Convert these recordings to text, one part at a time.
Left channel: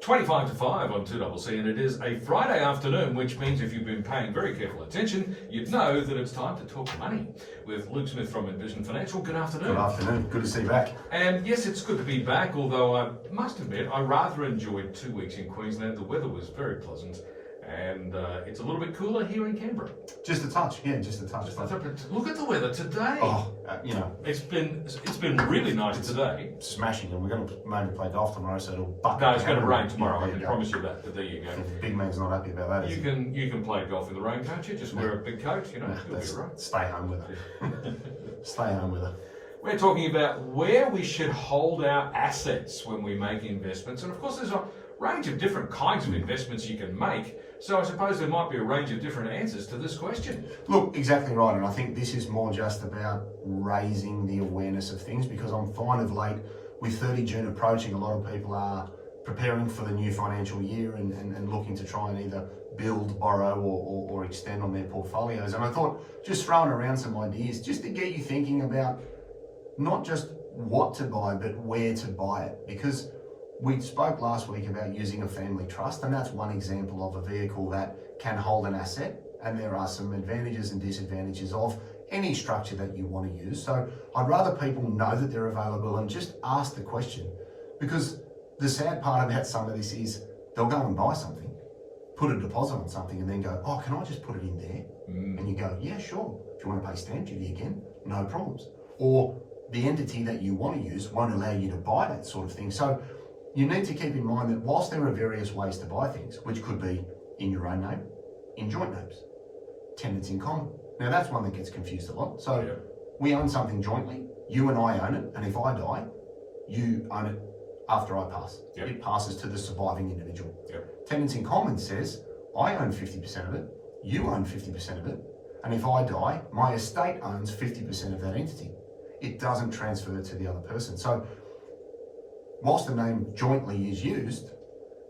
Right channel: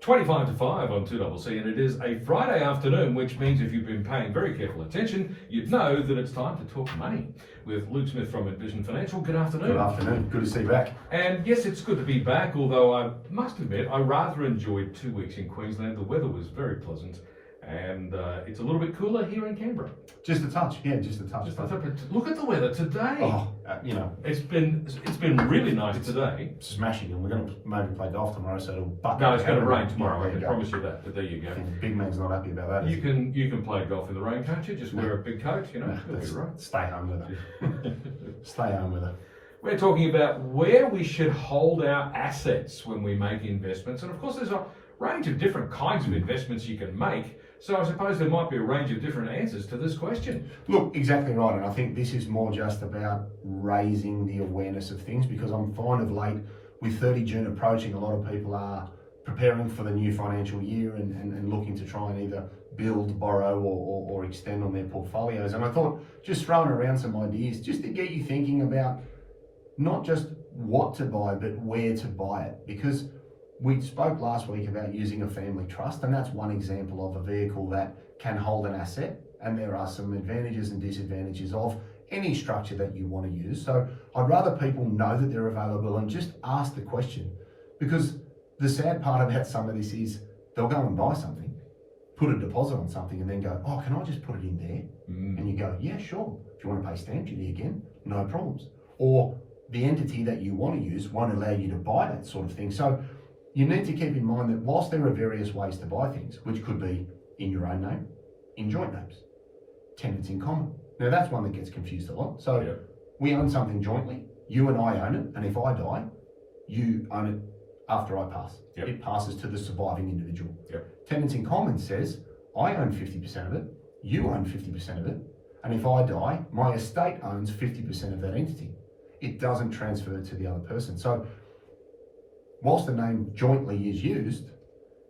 25 to 5 on 2CC, and it is a Friday afternoon, which means if you've been paying very careful attention, you'd know that it's time to talk money with Luke Smith from Envision Financial. Good afternoon. Good afternoon. Good to see you back. And yes, it's good to be back, although I must admit I rather enjoyed 2 weeks in Queensland. The weather was very pleasant, and it's a little bit cooler here in Canberra. Just a touch, yeah, just a touch. Look at the weather today. Oh, it's been really nice today. Smashing, and we're going to maybe play golf tomorrow, so it'll bucket. No, it's going to rain tomorrow. Yeah, I can promise you that. But there you go. Big man's not happy about that. You can play golf in the rain, can't you? Just wear a big coat, it'll be right. Stay home with it. Stay home with it. We're talking about where we should hold our assets when we make investments, and of course, there's a range of different kinds of investments you can make. So I suppose there might be a range of different answers to this question. Look, exactly right, and I think this is more just about raising the awareness of things, because I'm finding of late, with 30 June approaching, a lot of people are preparing for the new financial year and looking to try and either build, borrow or extend on their portfolios. And I thought just throwing around some ideas just to get you thinking about not just what to buy, but where to buy it. Because we spoke last week about using a family trust, and that's one example of a vehicle that can hold an asset, and there are some advantages and disadvantages of any structure that you want to use. So I'd rather people know that they're available and just ask the question, because the sad part about some of this is they'll go and buy something, put a deposit on something, and then go, oh, can I just put it in there? And you go, yeah, sure. Do you want to pay stamp duty again? No problems. Or the entity that you want to use won't allow you to buy that sort of thing. So you need to keep in mind that whilst there are various ways to buy things, which could be in your own name, in joint names, tenants in common. Now that's one that gets confused a lot. So we own something jointly, you and I own it, and if I die, you own it after I pass. It passes to the surviving individual. Tenants in common says, I own 50% of it, you own 50% of it, and if I die, my estate owns 50% of that entity. It doesn't transfer to the other person. So whilst the name jointly is used,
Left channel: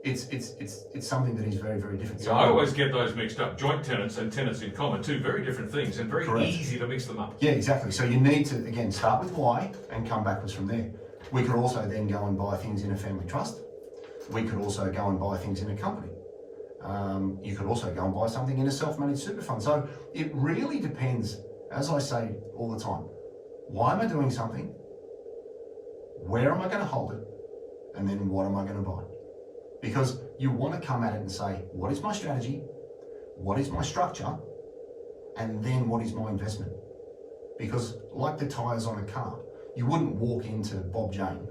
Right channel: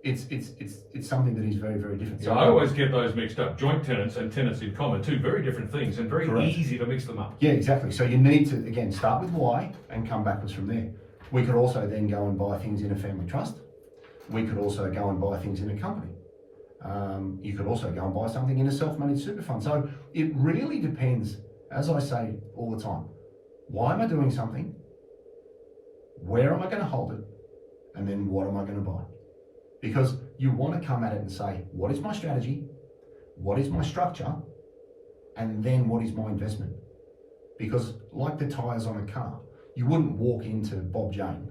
it's something that is very, very different. Yeah, I always get those mixed up. Joint tenants and tenants in common, two very different things, and very easy to mix them up. Yeah, exactly. So you need to, again, start with why and come backwards from there. We could also then go and buy things in a family trust. We could also go and buy things in a company. You could also go and buy something in a self-managed super fund. So it really depends, as I say all the time, why am I doing something? Where am I going to hold it? And then what am I going to buy? Because you want to come at it and say, what is my strategy? What is my structure? And then what is my investment? Because like the tyres on a car, you wouldn't walk into Bob Jane,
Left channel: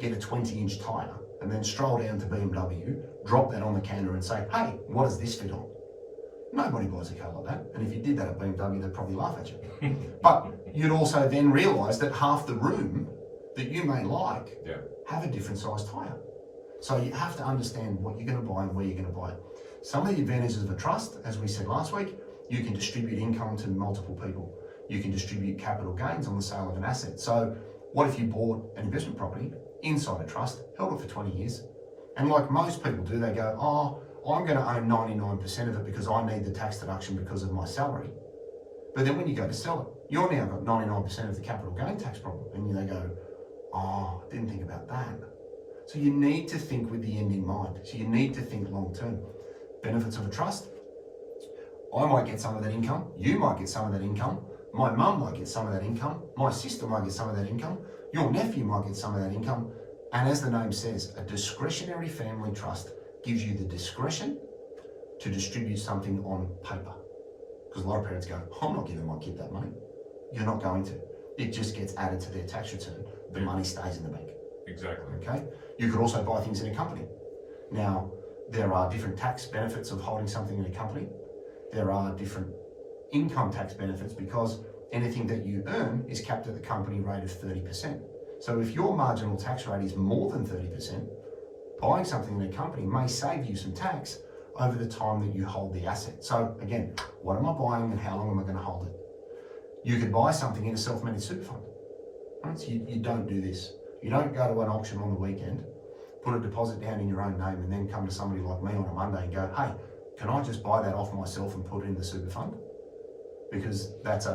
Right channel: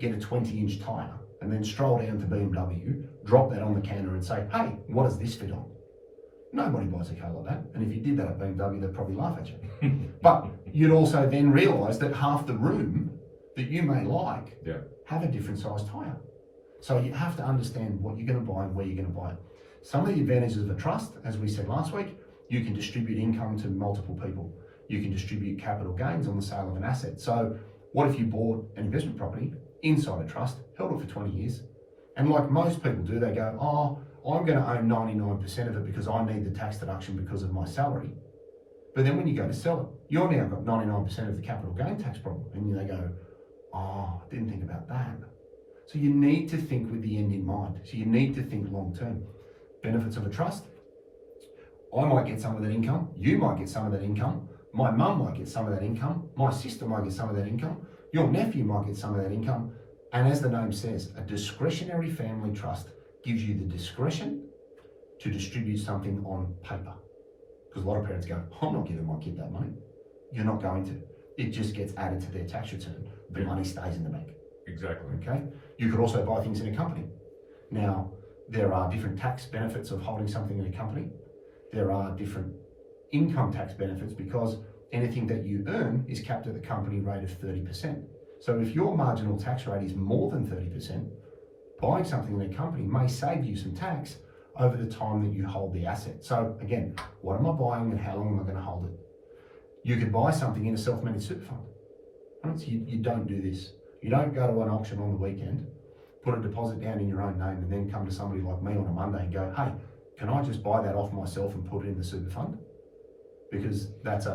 get a 20-inch tyre, and then stroll down to BMW, drop that on the counter and say, hey, what does this fit on? Nobody buys a car like that. And if you did that at BMW, they'd probably laugh at you. But you'd also then realise that half the room that you may like have a different size tyre. So you have to understand what you're going to buy and where you're going to buy it. Some of the advantages of a trust, as we said last week, you can distribute income to multiple people. You can distribute capital gains on the sale of an asset. So what if you bought an investment property inside a trust, held it for 20 years, and like most people do, they go, oh, I'm going to own 99% of it because I need the tax deduction because of my salary. But then when you go to sell it, you're now got 99% of the capital gain tax problem. And they go, oh, I didn't think about that. So you need to think with the end in mind. So you need to think long term. Benefits of a trust. I might get some of that income. You might get some of that income. My mum might get some of that income. My sister might get some of that income. Your nephew might get some of that income. And as the name says, a discretionary family trust gives you the discretion to distribute something on paper. Because a lot of parents go, I'm not giving my kid that money. You're not going to. It just gets added to their tax return. The money stays in the bank. Exactly. Okay. You could also buy things in a company. Now, there are different tax benefits of holding something in a company. There are different income tax benefits because anything that you earn is capped at the company rate of 30%. So if your marginal tax rate is more than 30%, buying something in a company may save you some tax over the time that you hold the asset. So again, what am I buying and how long am I going to hold it? You could buy something in a self-managed super fund. Right? So you don't do this. You don't go to an auction on the weekend, put a deposit down in your own name and then come to somebody like me on a Monday and go, hey, can I just buy that off myself and put it in the super fund? Because that's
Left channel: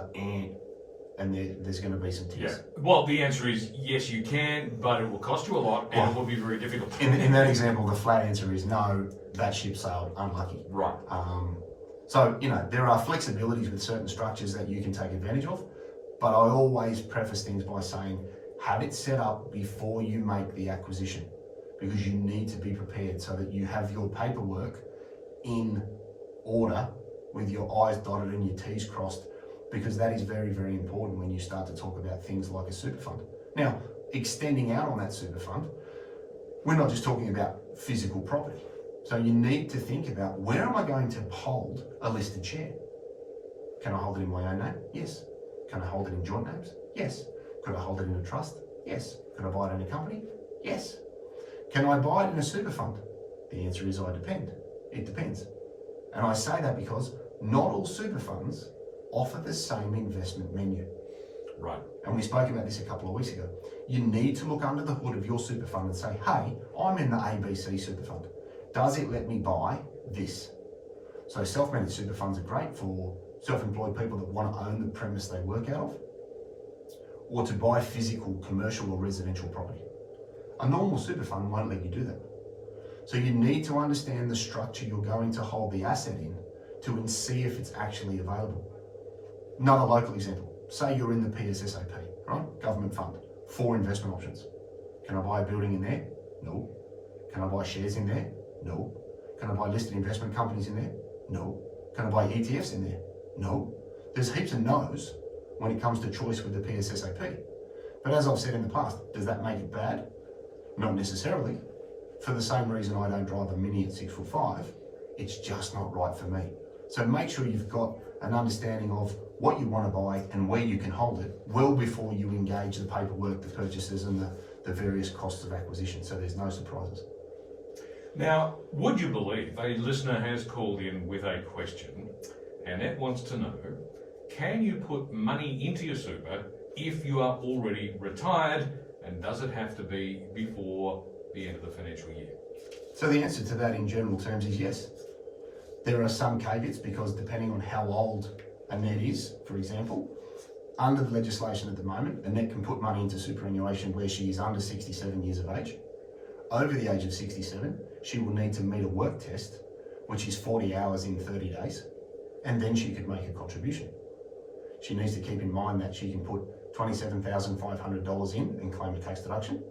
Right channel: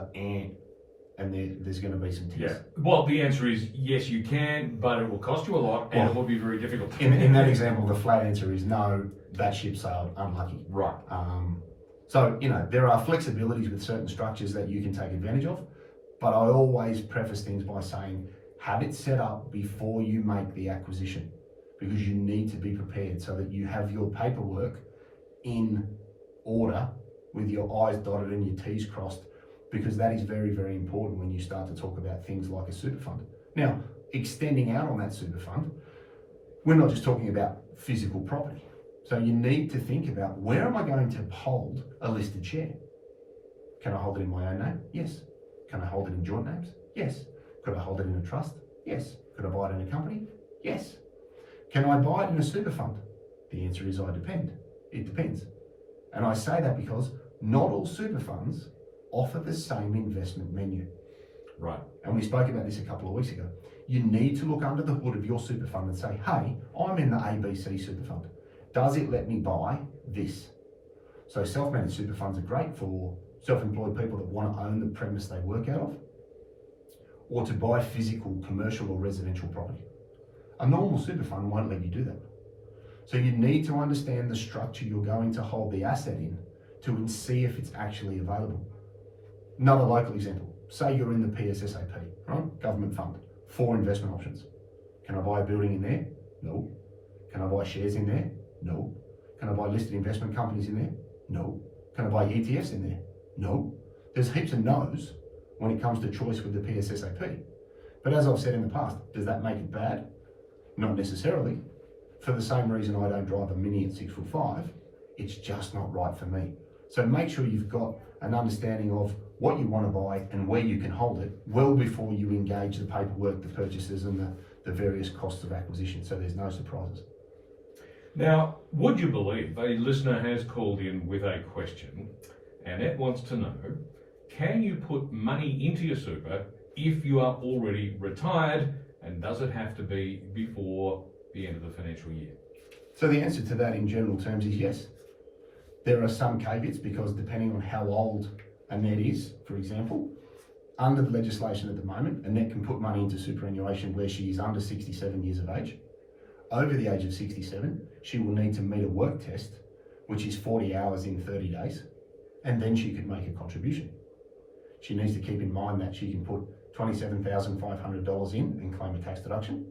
and there's going to be some tears. Yeah. Well, the answer is yes, you can, but it will cost you a lot, and it will be very difficult. In that example, the flat answer is no. That ship sailed. Unlucky. Right. So there are flexibilities with certain structures that you can take advantage of, but I always preface things by saying have it set up before you make the acquisition, because you need to be prepared so that you have your paperwork in order with your I's dotted and your T's crossed, because that is very, very important when you start to talk about things like a super fund. Now, extending out on that super fund, we're not just talking about physical property. So you need to think about, where am I going to hold a listed share? Can I hold it in my own name? Yes. Can I hold it in joint names? Yes. Could I hold it in a trust? Yes. Could I buy it in a company? Yes. Can I buy it in a super fund? The answer is it depends. And I say that because not all super funds offer the same investment menu. Right. And we spoke about this a couple of weeks ago. You need to look under the hood of your super fund and say, hey, I'm in the ABC super fund. Does it let me buy this? So self-managed super funds are great for self-employed people that want to own the premise they work out of, or to buy physical, commercial or residential property. A normal super fund won't let you do that. So you need to understand the structure you're going to hold the asset in to see if it's actually available. Another local example, say you're in the PSSAP, right? Government fund, 4 investment options. Can I buy a building in there? No. Can I buy shares in there? No. Can I buy listed investment companies in there? No. Can I buy ETFs in there? No. There's heaps of no's when it comes to choice with the PSSAP. But as I've said in the past, does that make it bad? Not necessarily. For the same reason I don't drive a Mini at 6'5", it's just not right for me. So make sure you've got an understanding of what you want to buy and where you can hold it well before you engage the paperwork, the purchases and the various costs of acquisition, so there's no surprises. Now, would you believe a listener has called in with a question, and Annette wants to know, can you put money into your super if you are already retired, and does it have to be before the end of the financial year? So the answer to that in general terms is yes. There are some caveats, because depending on how old Annette is, for example, under the legislation at the moment, Annette can put money into superannuation where she is under 67 years of age. Over the age of 67, she will need to meet a work test, which is 40 hours in 30 days, and then she could make a contribution. She needs to keep in mind that she can put $27,500 in and claim a tax deduction,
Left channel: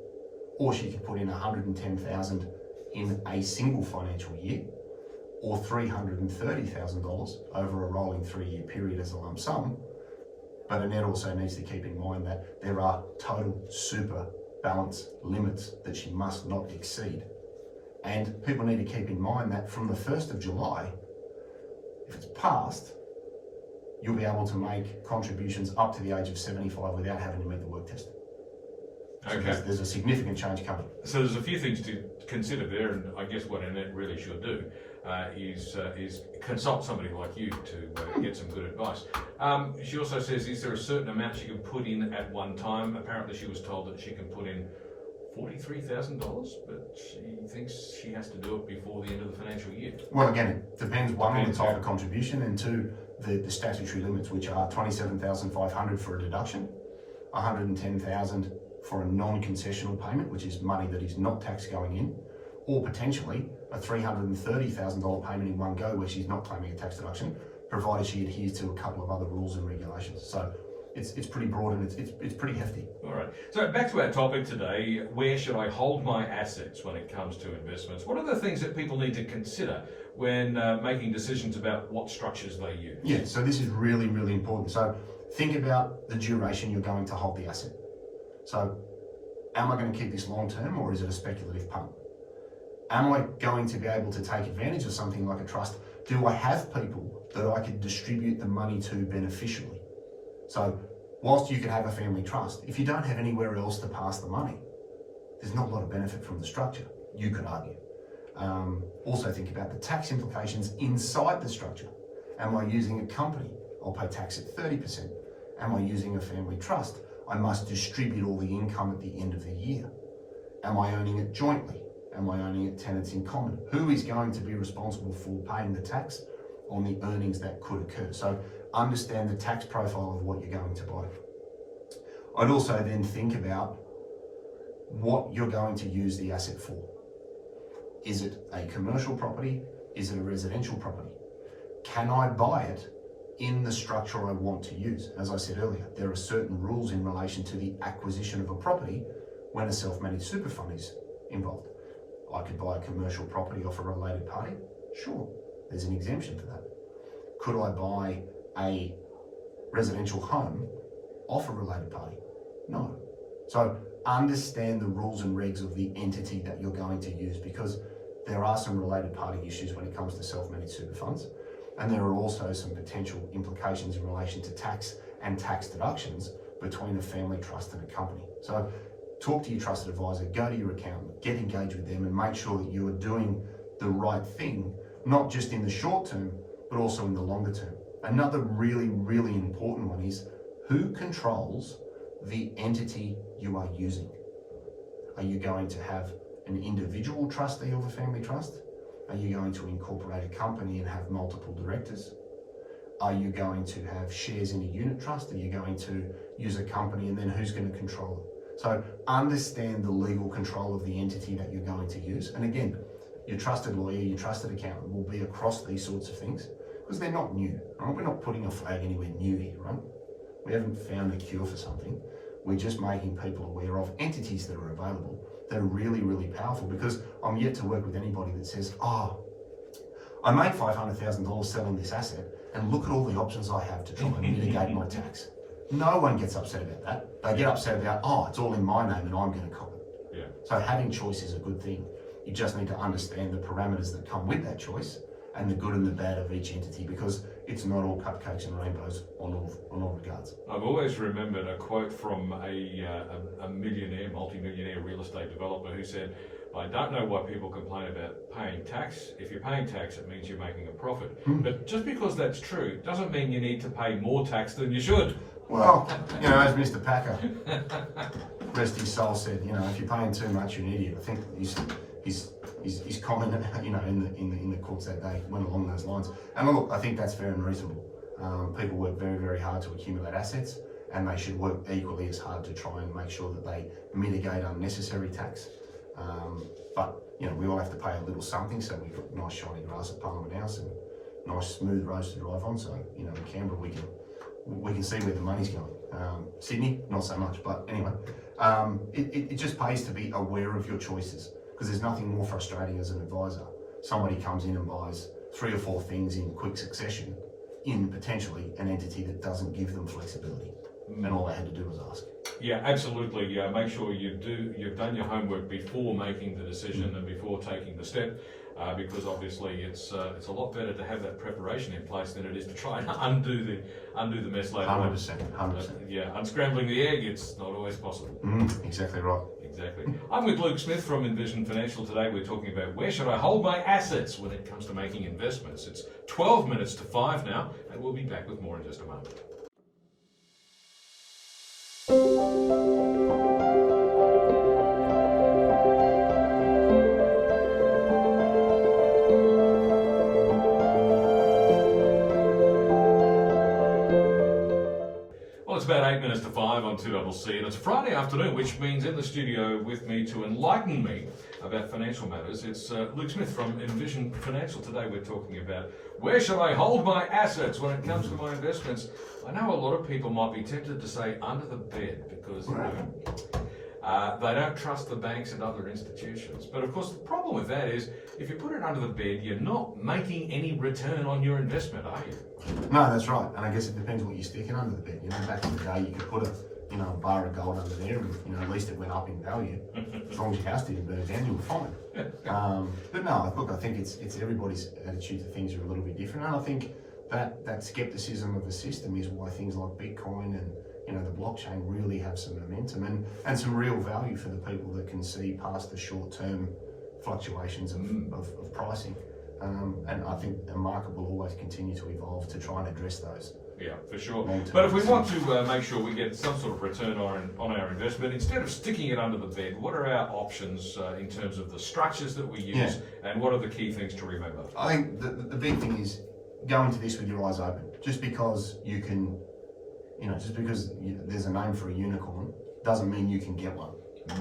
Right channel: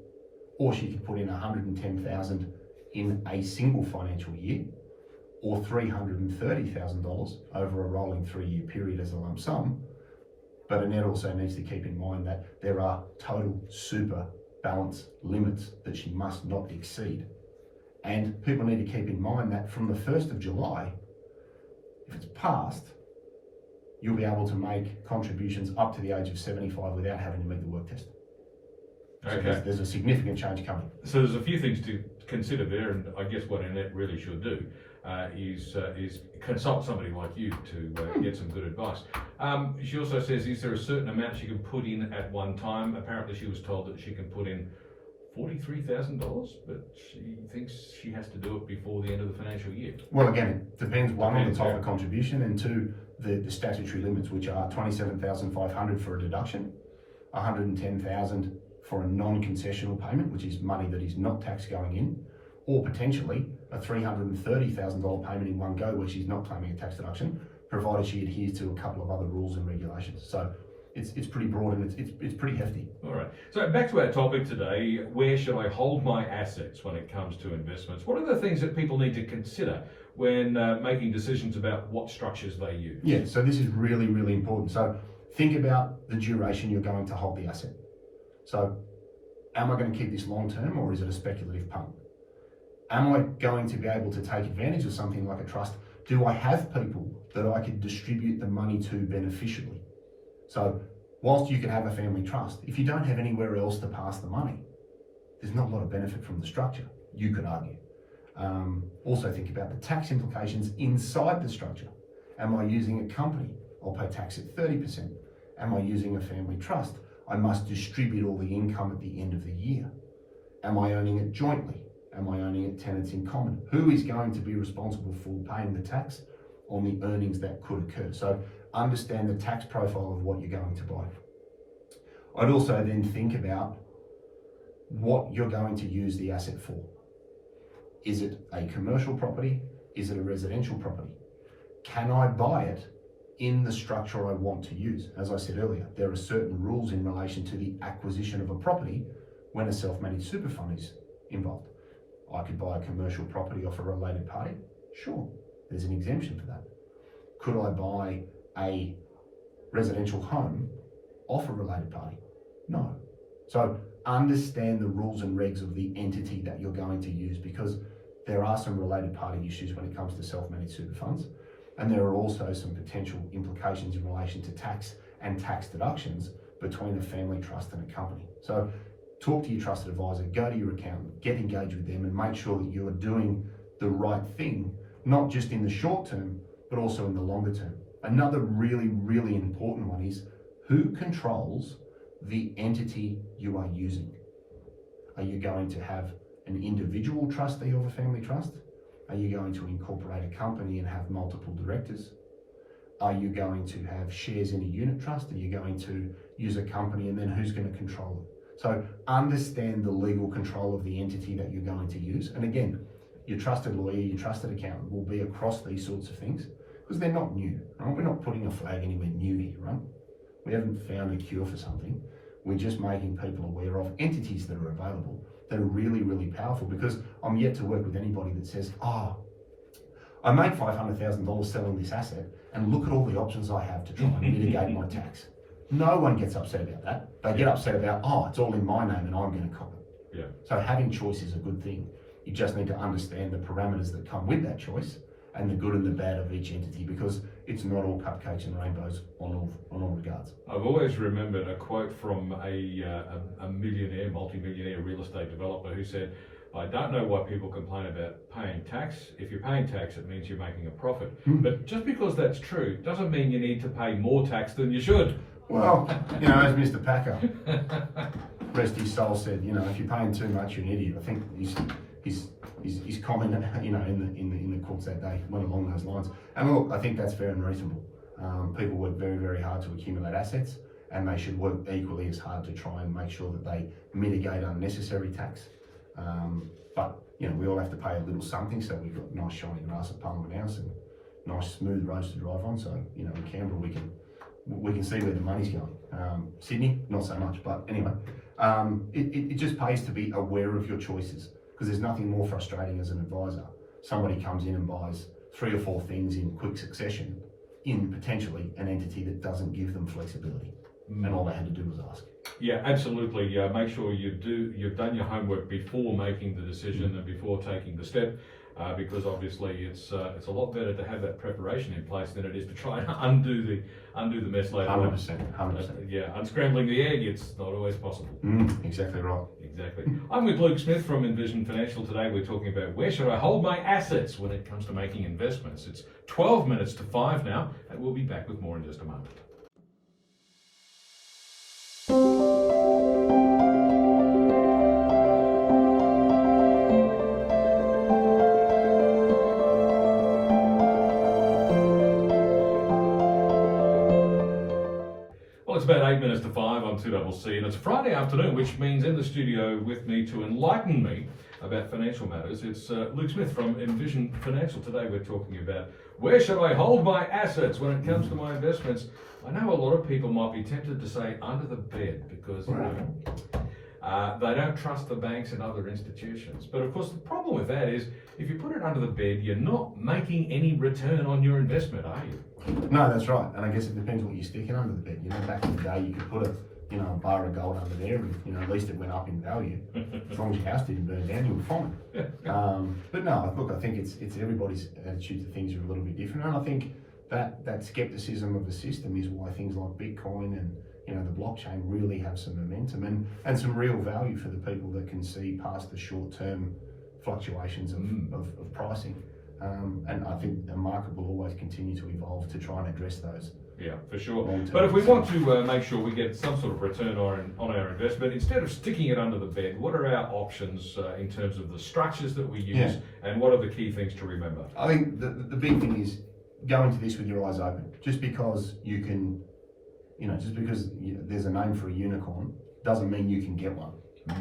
or she could put in $110,000 in a single financial year, or $330,000 over a rolling 3-year period as a lump sum. But Annette also needs to keep in mind that there are total super balance limits that she must not exceed. And people need to keep in mind that from the 1st of July, if it's passed, you'll be able to make contributions up to the age of 75 without having to meet the work test. So Okay. there's a significant change coming. So there's a few things to consider there, and I guess what Annette really should do is consult somebody like you to get some good advice. She also says, is there a certain amount she can put in at one time? Apparently she was told that she can put in $43,000, but she thinks she has to do it before the end of the financial year. Well, again, it depends, one, on the type of contribution, and two, the statutory limits, which are $27,500 for a deduction, $110,000 for a non-concessional payment, which is money that is not tax going in, or potentially a $330,000 payment in one go where she's not claiming a tax deduction, provided she adheres to a couple of other rules and regulations. So it's pretty broad, and it's pretty hefty. All right. So back to our topic today, where should I hold my assets when it comes to investments? What are the things that people need to consider when making decisions about what structures they use? Yeah, so this is really, really important. So think about the duration you're going to hold the asset. So am I going to keep this long term, or is it a speculative punt? Am I going to be able to take advantage of something like a trust? Do I have people that I could distribute the money to beneficially? So whilst you can have a family trust, if you don't have anywhere else to pass the money, there's not a lot of benefit from the structure, you could argue. Also think about the tax implications inside the structure. Am I using a company? I'll pay tax at 30%. Am I using a family trust? I must distribute all the income at the end of the year. Am I owning it jointly? Am I owning it tenants in common? Who is going to be responsible for paying the tax on the earnings that could occur? So understand the tax profile of what you're going to buy. I'd also then think about what you're going to use the asset for. Is it a commercial property? Is it a residential property? Can I buy it in the structure I want to use? As I said earlier, there are certain rules in relation to the acquisition of a property when a self-managed super fund is involved. I could buy a commercial property off a related party? Sure, there's an exemption for that. Could I buy a residential home off a related party? No. So understand the rules and regs of the entity that you're going to use, because there are some related party issues when it comes to self-managed super funds, and there are also some potential implications in relation to tax and tax deductions between a family trust and a company. So talk to your trusted advisor, go to your accountant, get engaged with them, and make sure that you are doing the right thing, not just in the short term, but also in the longer term. Another really, really important one is who controls the entity you are using. Are you going to have an individual trustee of a family trust? Are you going to incorporate a company and have multiple directors? Are you going to have shares in a unit trust? Are you going to use a company, and then who's going to control it? So understand the legal control of the entity that you're going to use. And again, your trusted lawyer, your trusted accountant will be across these sorts of things, because they're not new, right? We're not putting a flag anywhere new here, right? We haven't found a cure for something. We're just making people aware of entities that are available that are really, really powerful, because I'm yet to work with anybody that says, oh, I made $500,000 selling this asset, and look at all the options I have to try and mitigate my tax. No one gets upset about that. They get upset about, oh, it's all in my name and I'm going to cop it. Yeah. So having choice is a good thing. You just need to understand the parameters that come with that choice and the good and the bad of each entity, because it's not all cupcakes and rainbows on all regards. I've always remembered a quote from a millionaire, multi-millionaire real estate developer who said, I don't know why people complain about paying tax. If you're paying tax, it means you're making a profit. But just because that's true doesn't mean you need to pay more tax than you should. Well, you know, as Mr. Packer, rest his soul, said, you know, if you're paying too much, you're an idiot. I think his comment, you know, in the courts that day went along those lines. And look, I think that's fair and reasonable. People work very, very hard to accumulate assets, and they should work equally as hard to try and make sure that they mitigate unnecessary tax. But you know, we all have to pay a little something, so we've got nice shiny grass at Parliament House and nice smooth roads to drive on. So you know, in Canberra we can see where the money's going. Sydney, not so much, but anyway, it just pays to be aware of your choices, because there's nothing more frustrating as an advisor. Somebody comes in and buys 3 or 4 things in quick succession in potentially an entity that doesn't give them flexibility, and all they had to do was ask. Yeah, absolutely. Make sure you've done your homework before making the decision and before taking the step, because obviously it's a lot better to have that preparation in place than it is to try and undo the mess later on. 100%. Yeah, unscrambling the egg, it's not always possible. Exactly right. Exactly. I'm with Luke Smith from Envision Financial. Today we're talking about where should I hold my assets when it comes to making investments. It's 12 minutes to 5 now, and we'll be back with more in just a moment. Well, it's about 8 minutes to 5 on 2CC, and it's a Friday afternoon, which means in the studio with me to enlighten me about financial matters, it's Luke Smith from Envision Financial. Today we're talking about where should I hold my assets when it comes to my investments. I know a lot of people might be tempted to say under the bed, because they don't trust the banks and other institutions. But of course the problem with that is, if you put it under the bed, you're not making any return on your investment, are you? No, that's right. And I guess it depends what you're sticking under the bed. You know, back in the day, you could put a bar of gold under there, and at least it went up in value. As long as your house didn't burn down, you were fine. But no, look, I think it's everybody's attitude to things are a little bit different, and I think that skepticism of the system is why things like Bitcoin and the blockchain really have some momentum and some real value for the people that can see past the short-term fluctuations of pricing. And I think the market will always continue to evolve to try and address those. Yeah, for sure. But if we want to make sure we get some sort of return on our investment, instead of sticking it under the bed, what are our options in terms of the structures that we use, and what are the key things to remember? I think the big thing is go into this with your eyes open. Just because you can You know, just because there's a name for a unicorn doesn't mean you can get one.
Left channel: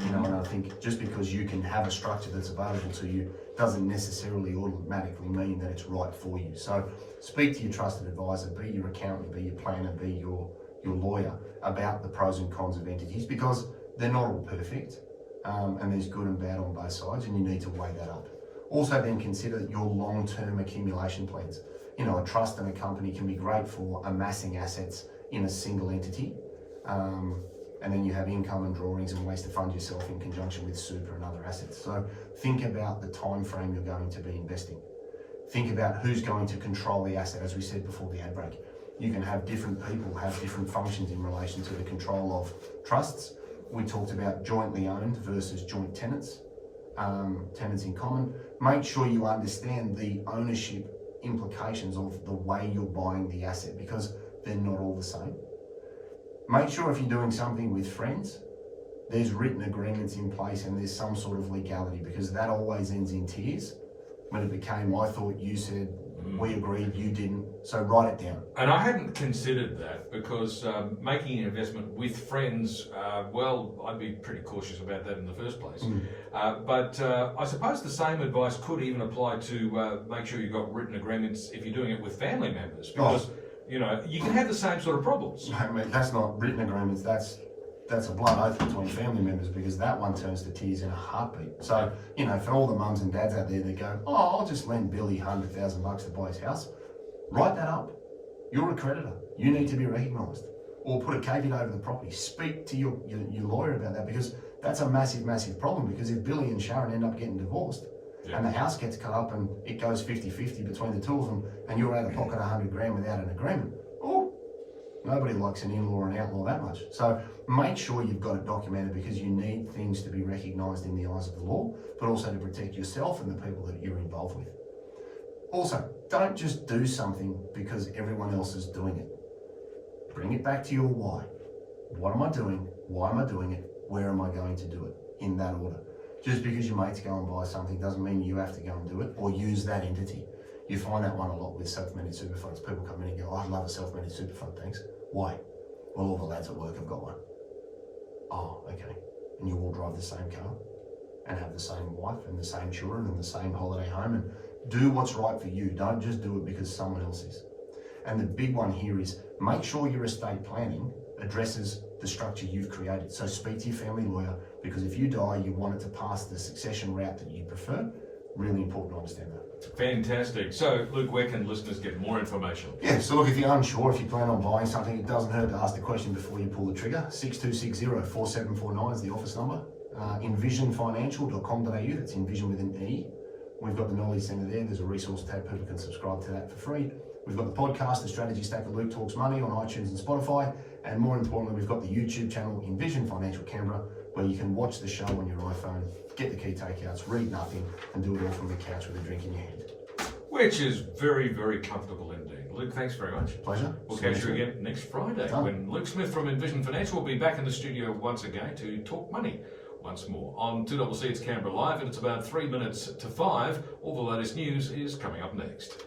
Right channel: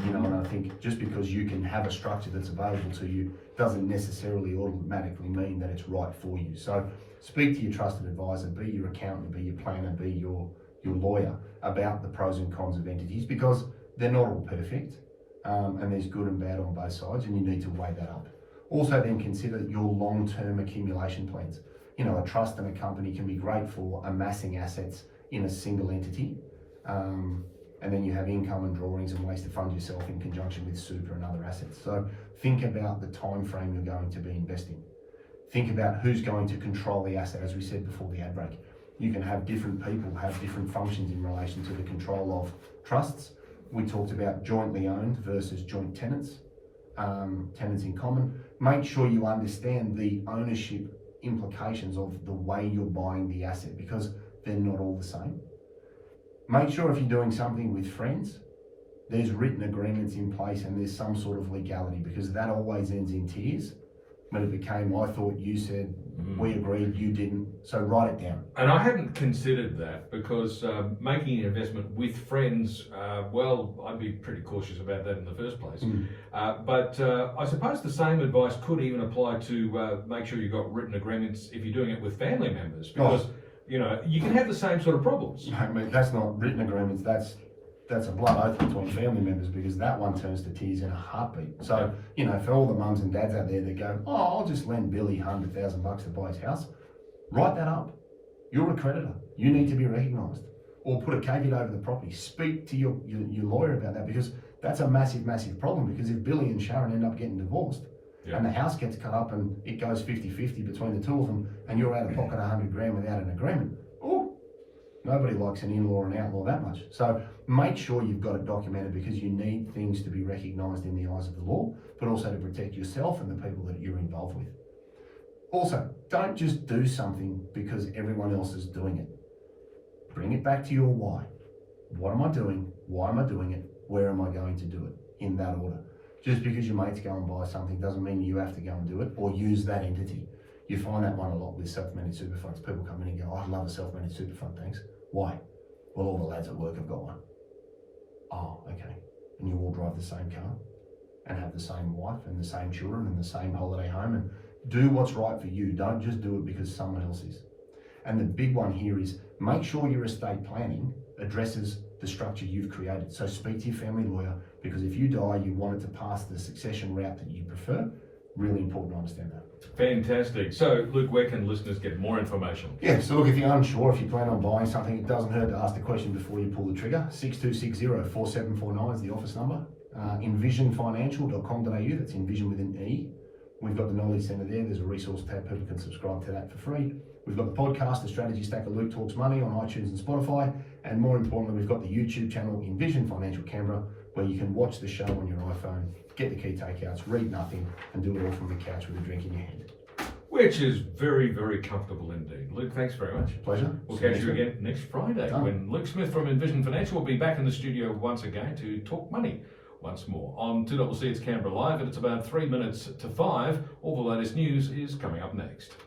You know, and I think just because you can have a structure that's available to you doesn't necessarily automatically mean that it's right for you. So speak to your trusted advisor, be your accountant, be your planner, be your lawyer about the pros and cons of entities, because they're not all perfect, and there's good and bad on both sides, and you need to weigh that up. Also then consider your long-term accumulation plans. You know, a trust and a company can be great for amassing assets in a single entity, and then you have income and drawings and ways to fund yourself in conjunction with super and other assets. So think about the time frame you're going to be investing. Think about who's going to control the asset, as we said before the ad break. You can have different people have different functions in relation to the control of trusts. We talked about jointly owned versus joint tenants, tenants in common. Make sure you understand the ownership implications of the way you're buying the asset, because they're not all the same. Make sure if you're doing something with friends, there's written agreements in place and there's some sort of legality, because that always ends in tears. When it became, I thought you said, we agreed, you didn't, so write it down. And I hadn't considered that, because making an investment with friends, well, I'd be pretty cautious about that in the first place. But I suppose the same advice could even apply to make sure you've got written agreements if you're doing it with family members, because you know, you can have the same sort of problems. I mean, that's not written agreements, that's a blood oath between family members, because that one turns to tears in a heartbeat. So, you know, for all the mums and dads out there that go, oh, I'll just lend Billy $100,000 to buy his house, write that up. You're a creditor. You need to be recognised. Or put a caveat over the property. Speak to your lawyer about that, because that's a massive, massive problem. Because if Billy and Sharon end up getting divorced, and the house gets cut up and it goes 50-50 between the two of them, and you're out of pocket $100,000 without an agreement, oh, nobody likes an in-law and outlaw that much. So make sure you've got it documented, because you need things to be recognised in the eyes of the law, but also to protect yourself and the people that you're involved with. Also, don't just do something because everyone else is doing it. Bring it back to your why. What am I doing? Why am I doing it? Where am I going to do it? In that order. Just because your mates go and buy something doesn't mean you have to go and do it or use that entity. You find that one a lot with self-managed super funds. People come in and go, I'd love a self-managed super fund, thanks. Why? Well, all the lads at work have got one. Oh, okay. And you all drive the same car and have the same wife and the same children and the same holiday home, and do what's right for you. Don't just do it because someone else is. And the big one here is make sure your estate planning addresses the structure you've created. So speak to your family lawyer, because if you die, you want it to pass the succession route that you prefer. Really important to understand that. Fantastic. So, Luke, where can listeners get more information? Yeah, so look, if you're unsure, if you plan on buying something, it doesn't hurt to ask the question before you pull the trigger. 6260-4749 is the office number. Envisionfinancial.com.au, that's Envision with an E. We've got the Knowledge Centre there. There's a resource tab. People can subscribe to that for free. We've got the podcast, The Strategy Stack of Luke Talks Money, on iTunes and Spotify. And more importantly, we've got the YouTube channel, Envision Financial Canberra, where you can watch the show on your iPhone, get the key takeouts, read nothing, and do it all from the couch with a drink in your hand. Which is very, very comfortable indeed. Luke, thanks very much. Pleasure. We'll catch you again next Friday when Luke Smith from Envision Financial will be back in the studio once again to talk money once more. On 2CC, it's Canberra Live, and it's about 3 minutes to 5. All the latest news is coming up next.